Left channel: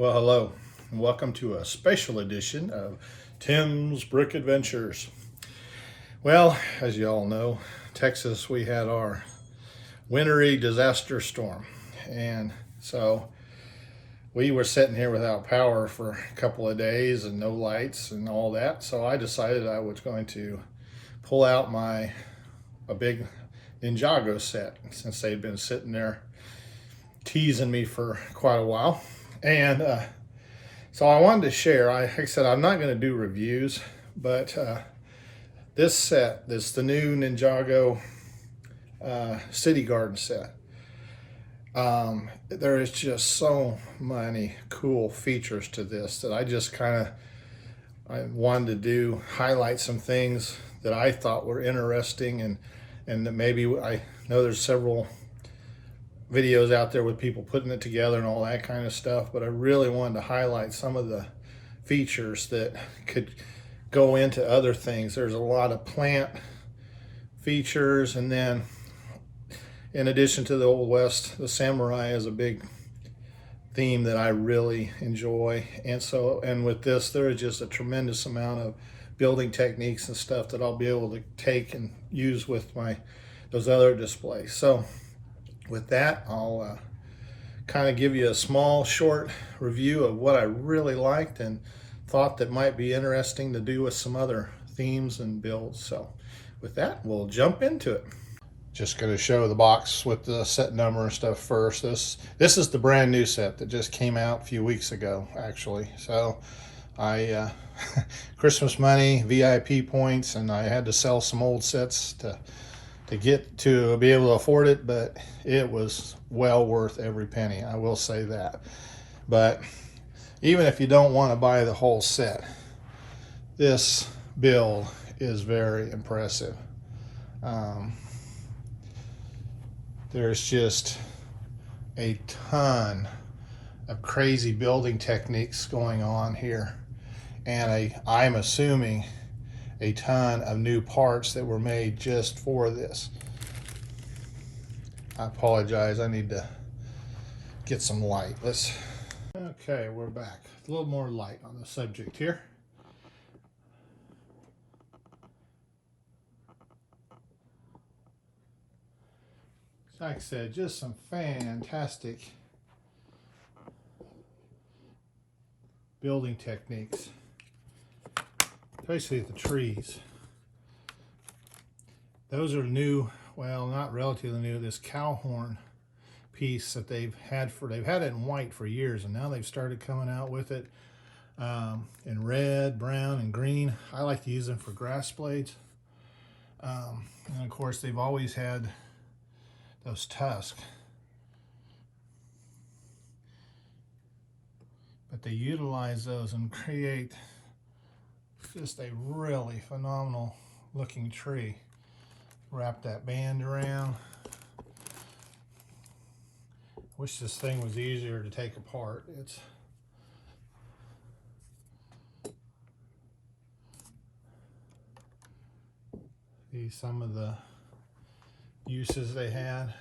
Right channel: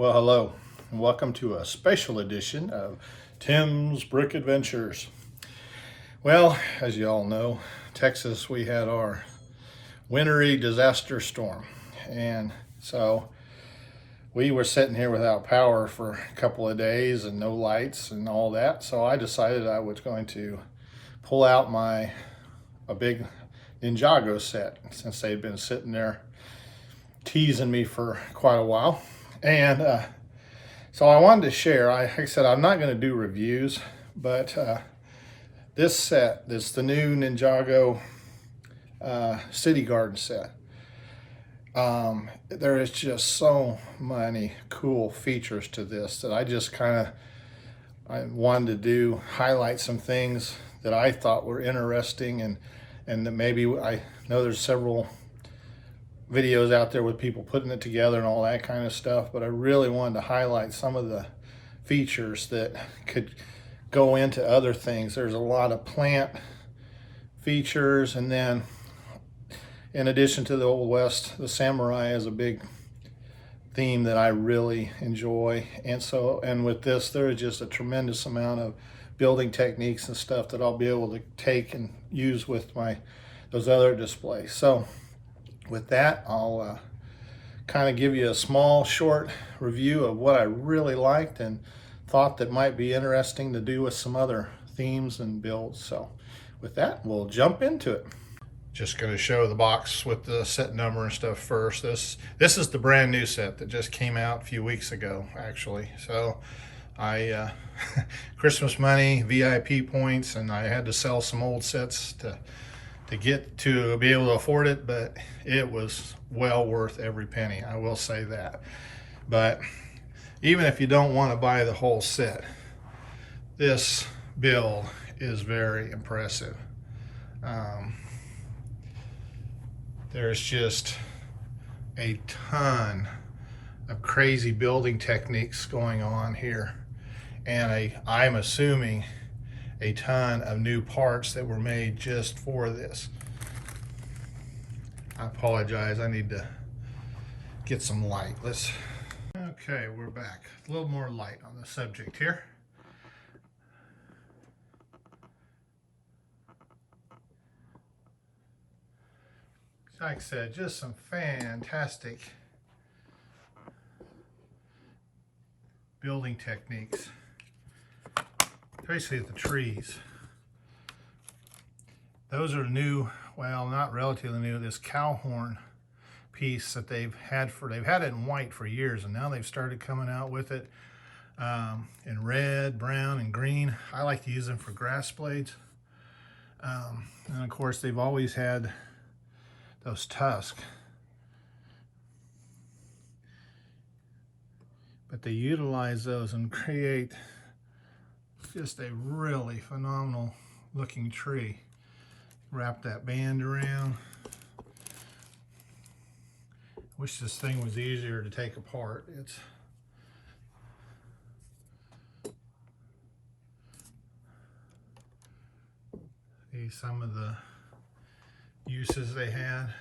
Well, hello, and welcome to a special edition of Tim's Brick Adventures. Well, as you all know, Texas, we had our wintry disaster storm, and so we were sitting here without power for a couple of days and no lights and all that. So I decided I was going to pull out a big Ninjago set, since they'd been sitting there teasing me for quite a while. And so I wanted to share. Like I said, I'm not going to do reviews, but this set, the new Ninjago City Gardens set. There is just so many cool features to this that I wanted to highlight some things that I thought were interesting, and that maybe I know there's several videos out there with people putting it together and all that kind of stuff, but I really wanted to highlight some of the features that could go into other things. There's a lot of plant features, and then in addition to the Old West, the samurai is a big theme that I really enjoy. And with this, there is just a tremendous amount of building techniques and stuff that I'll be able to take and use with those other displays. So with that, I'll kind of give you a small, short review of what I really liked and thought that might be interesting to do with some other themes and builds. So with that, we'll jump into it. Just going to show the box with the set number and stuff first. This is the brand new set that just came out a few weeks ago, actually. So I Christmas money, VIP points, and I had to sell some old sets to get to be able to afford it, but it was well worth every penny, I will say that. But even if you don't want to buy the whole set, this build is very impressive. There's just a ton of crazy building techniques going on here, and I'm assuming a ton of new parts that were made just for this. I apologize, I need to get some light. Okay, we're back. A little more light on the subject here. Like I said, just some fantastic building techniques. Especially the trees. Those are new, well, not relatively new, this cow horn piece that they've had it in white for years, and now they've started coming out with it in red, brown, and green. I like to use them for grass blades. And of course, they've always had those tusks. But they utilize those and create just a really phenomenal looking tree. Wrap that band around. Wish this thing was easier to take apart. These some of the uses they had.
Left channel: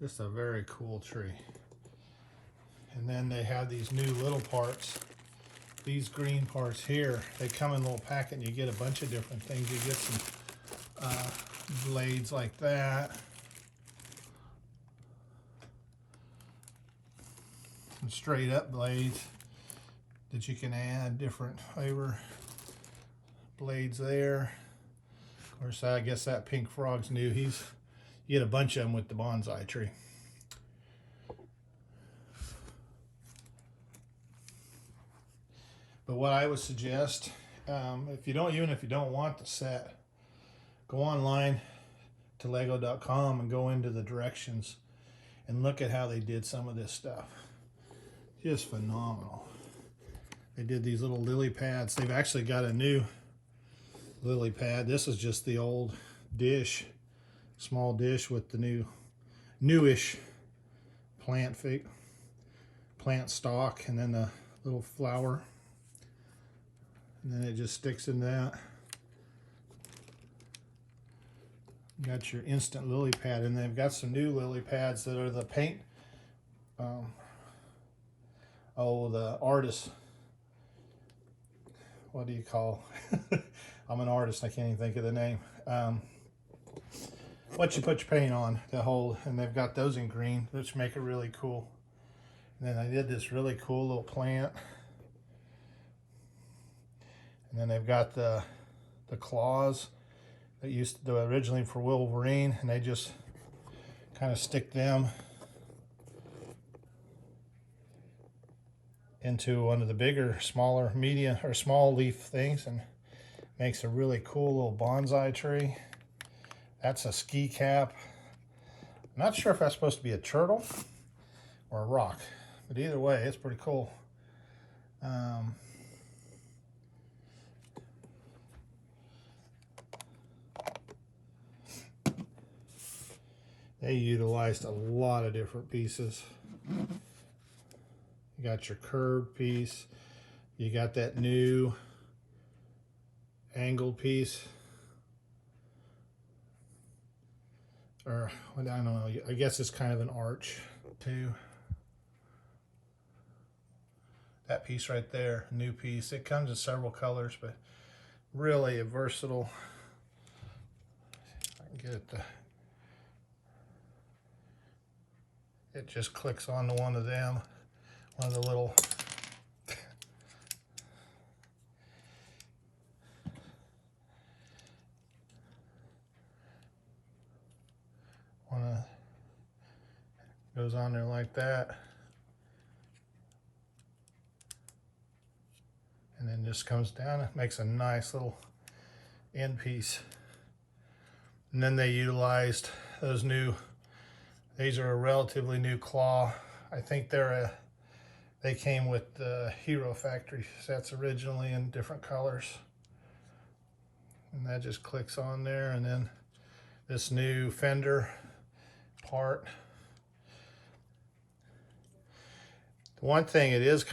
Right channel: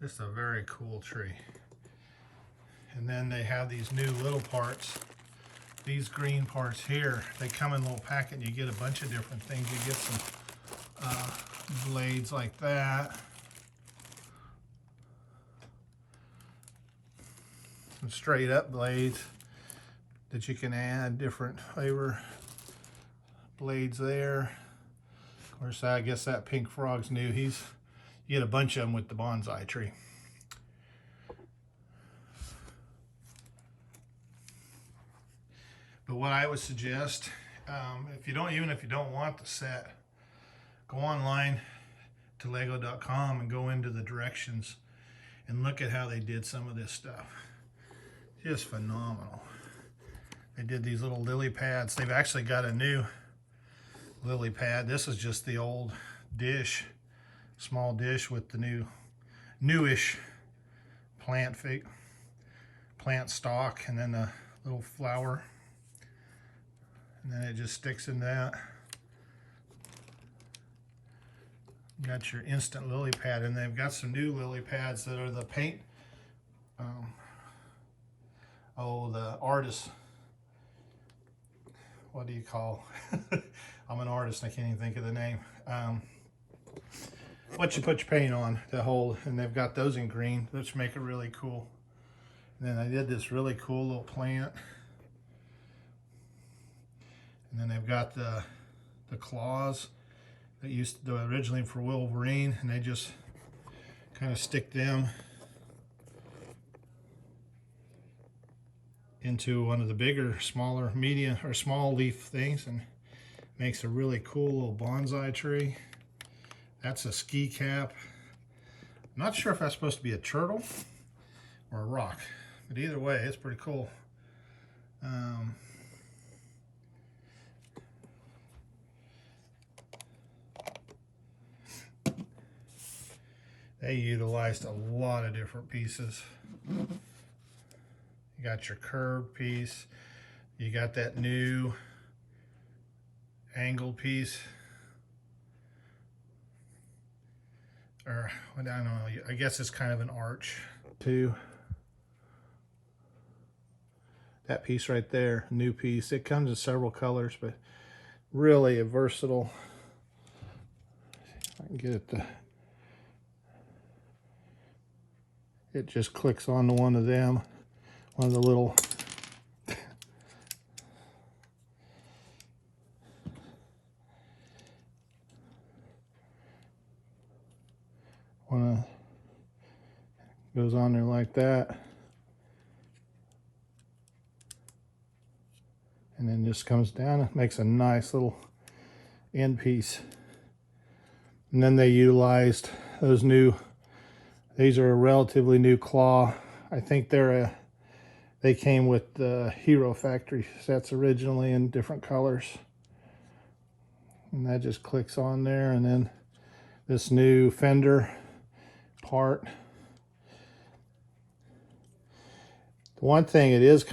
Just a very cool tree. And then they have these new little parts. These green parts here, they come in a little packet and you get a bunch of different things. You get some blades like that. Some straight up blades that you can add different flavor blades there. Of course, I guess that pink frog's new. You get a bunch of them with the bonsai tree. But what I would suggest, even if you don't want the set, go online to lego.com and go into the directions and look at how they did some of this stuff. Just phenomenal. They did these little lily pads. They've actually got a new lily pad. This is just the old dish, small dish with the newish plant stalk, and then a little flower. And then it just sticks in that. You got your instant lily pad, and they've got some new lily pads that are the paint. The artist. What do you call? I'm an artist. I can't even think of the name. What you put your paint on to hold, and they've got those in green, which make it really cool. And then I did this really cool little plant. And then they've got the claws that used to originally for Wolverine, and they just kind of stick them into one of the bigger, smaller, medium, or small leaf things, and makes a really cool little bonsai tree. That's a ski cap. I'm not sure if that's supposed to be a turtle or a rock, but either way, it's pretty cool. They utilized a lot of different pieces. You got your curved piece. You got that new angled piece. Or, I don't know, I guess it's kind of an arch too. That piece right there, new piece. It comes in several colors, but really a versatile. I can get it to. It just clicks onto one of them, one of the little. Goes on there like that. And then just comes down. It makes a nice little end piece. And then they utilized those new. These are a relatively new claw. I think they came with the Hero Factory sets originally in different colors. And that just clicks on there, and then this new fender part. One thing, it is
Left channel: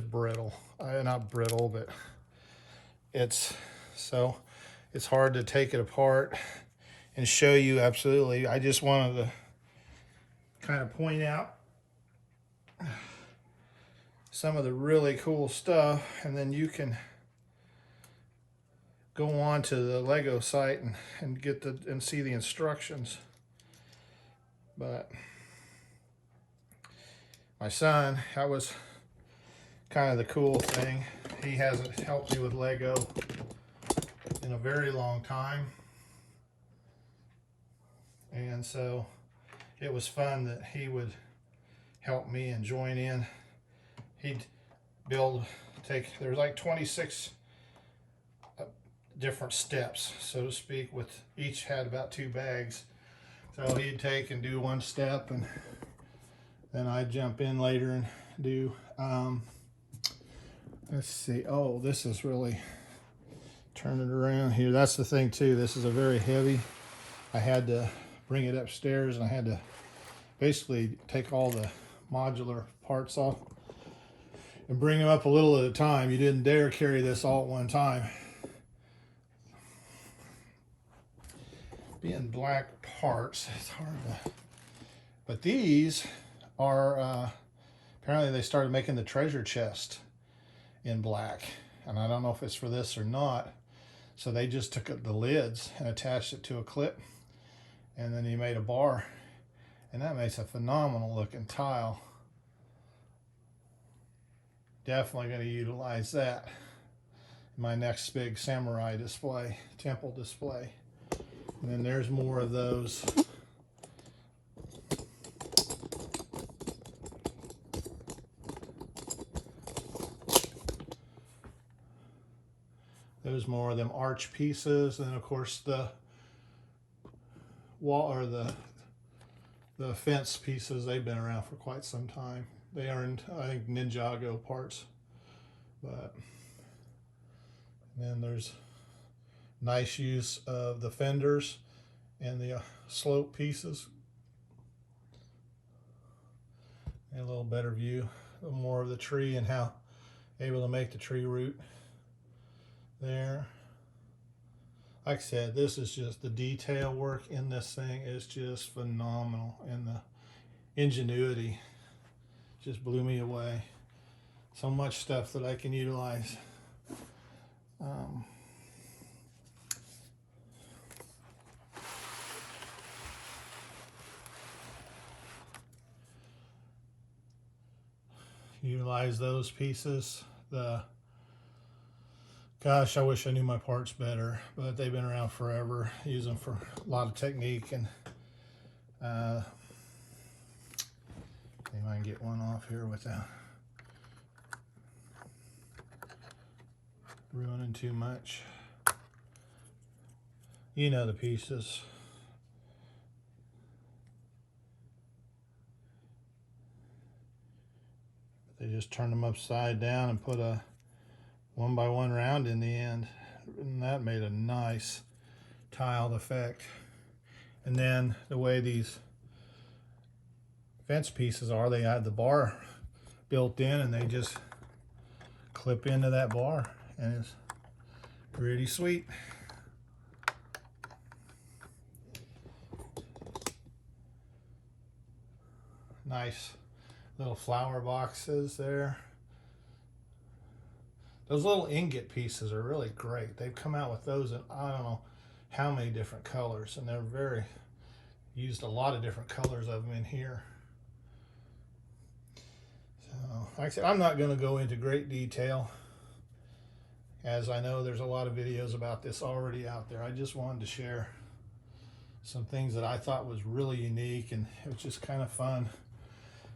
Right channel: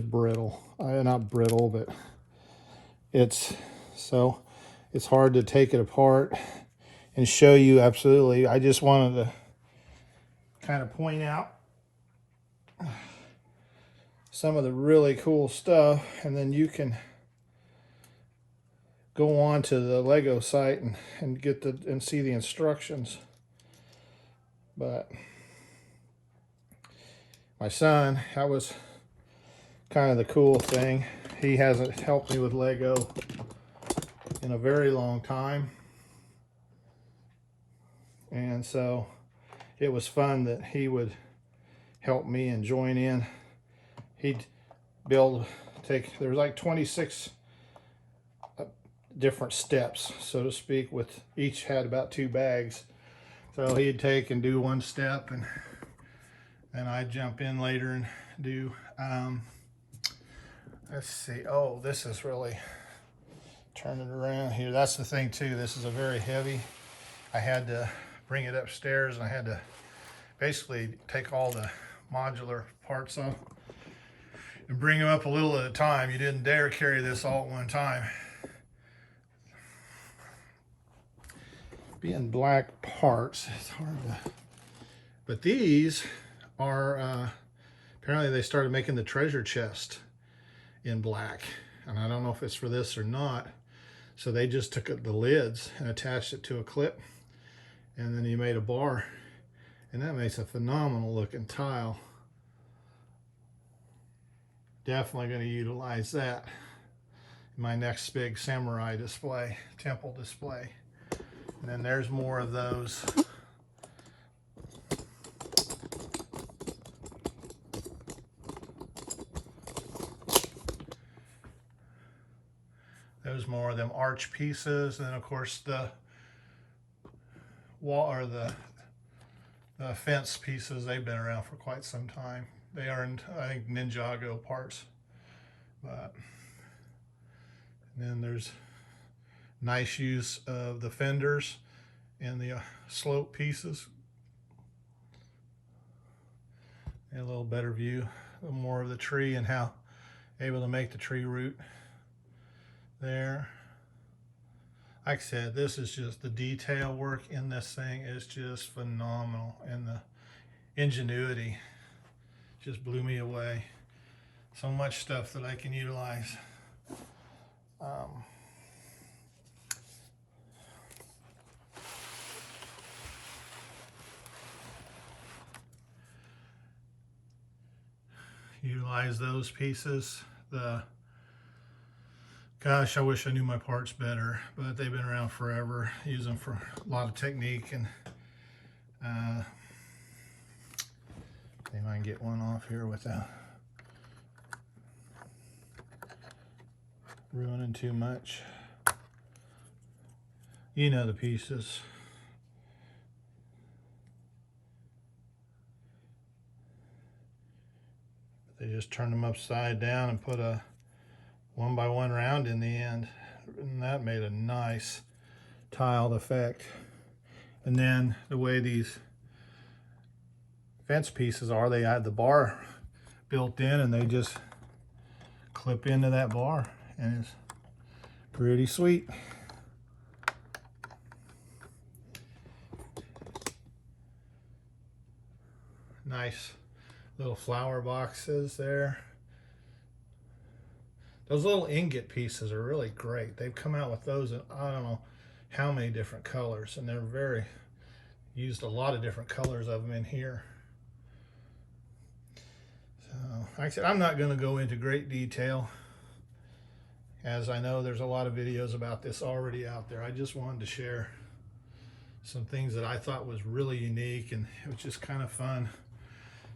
brittle. Not brittle, but it's hard to take it apart and show you absolutely. I just wanted to kind of point out some of the really cool stuff, and then you can go on to the Lego site and get and see the instructions. But my son, that was kind of the cool thing. He hasn't helped me with Lego in a very long time, and so it was fun that he would help me and join in. He'd there's like 26 different steps, so to speak, with each had about 2 bags. So he'd take and do one step, and then I'd jump in later and do, let's see, oh, this is really, turn it around here. That's the thing too, this is a very heavy. I had to bring it upstairs, and I had to basically take all the modular parts off and bring them up a little at a time. You didn't dare carry this all at one time. Being black parts, it's hard to, but these are, apparently they started making the treasure chest in black, and I don't know if it's for this or not. So they just took the lids and attached it to a clip, and then you made a bar, and that makes a phenomenal looking tile. Definitely going to utilize that in my next big samurai display, temple display. And then there's more of those. There's more of them arch pieces, and of course the wall or the fence pieces. They've been around for quite some time. They are in, I think, Ninjago parts. But and then there's nice use of the fenders and the slope pieces. And a little better view, a little more of the tree and how able to make the tree root there. like I said, this is just the detail work in this thing is just phenomenal, and the ingenuity just blew me away. So much stuff that I can utilize. Utilize those pieces. Gosh, I wish I knew my parts better, but they've been around forever. Use them for a lot of technique, and see if I can get one off here without ruining too much. You know the pieces. They just turned them upside down and put a 1x1 round in the end, and that made a nice tiled effect. And then the way these fence pieces are, they had the bar built in, and they just clip into that bar, and it's pretty sweet. Nice little flower boxes there. Those little ingot pieces are really great. They've come out with those in I don't know how many different colors, and they're used a lot of different colors of them in here. So like I said, I'm not going to go into great detail, as I know there's a lot of videos about this already out there. I just wanted to share some things that I thought was really unique, and it was just kind of fun,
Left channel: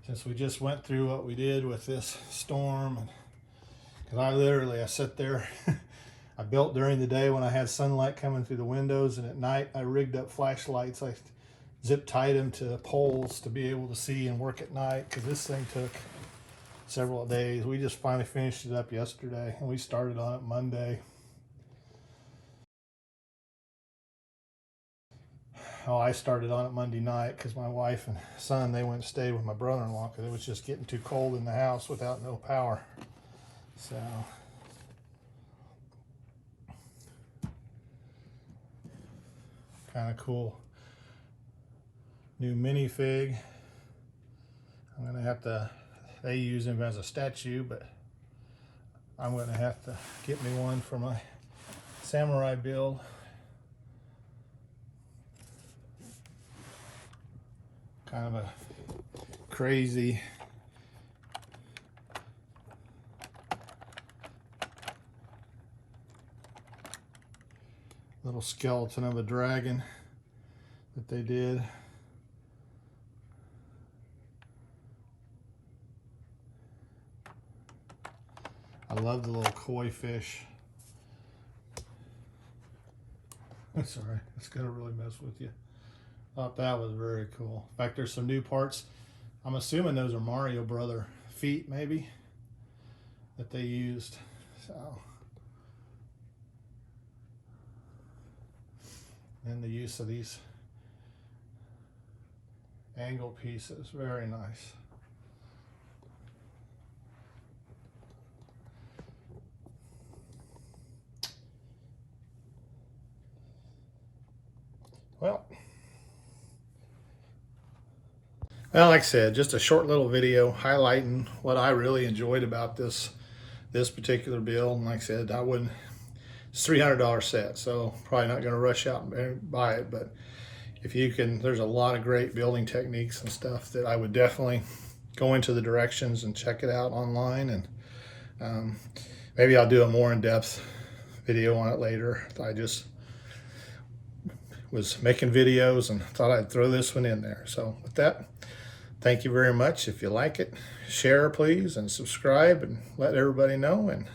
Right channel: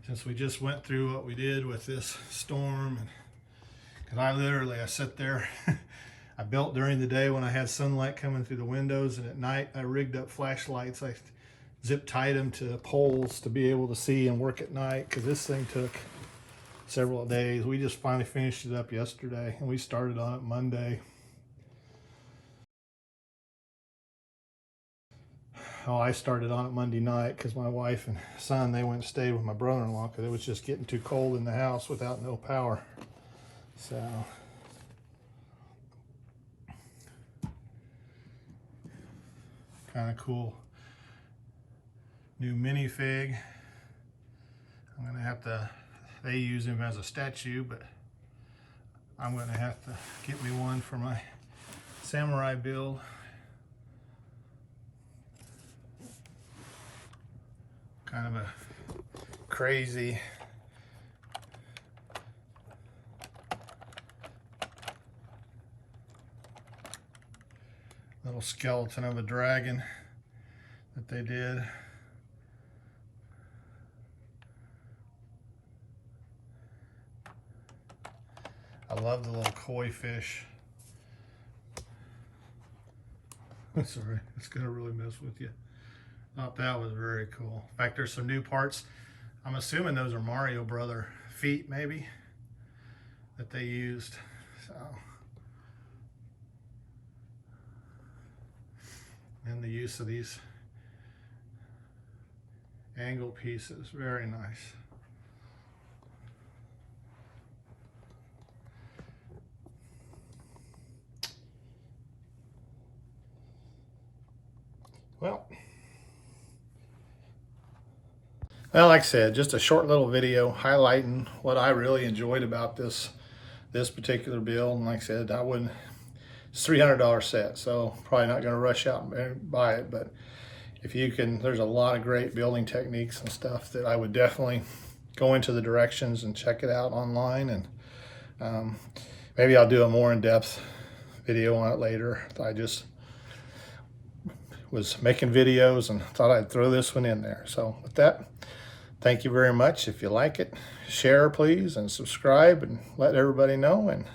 since we just went through what we did with this storm. And because I sit there, I built during the day when I had sunlight coming through the windows, and at night I rigged up flashlights. I zip tied them to poles to be able to see and work at night, because this thing took several days. We just finally finished it up yesterday, and we started on it Monday. Oh, I started on it Monday night because my wife and son, they went and stayed with my brother-in-law because it was just getting too cold in the house without no power. So kind of cool new minifig. I'm gonna have to, they use him as a statue, but I'm gonna have to get me one for my samurai build. Kind of a crazy little skeleton of a dragon that they did. I love the little koi fish. Sorry, it's gonna really mess with you. Thought that was very cool. In fact, there's some new parts. I'm assuming those are Mario Brother feet, maybe, that they used. So, and the use of these angle pieces, very nice. Well, like I said, just a short little video highlighting what I really enjoyed about this particular build. And like I said, it's $300 set, so probably not going to rush out and buy it. But if you can, there's a lot of great building techniques and stuff that I would definitely go into the directions and check it out online. And maybe I'll do a more in-depth video on it later. I just was making videos and thought I'd throw this one in there. So with that, thank you very much. If you like it, share please, and subscribe, and let everybody know, and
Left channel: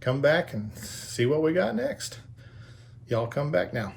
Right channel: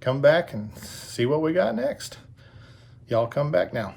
come back and see what we got next. Y'all come back now.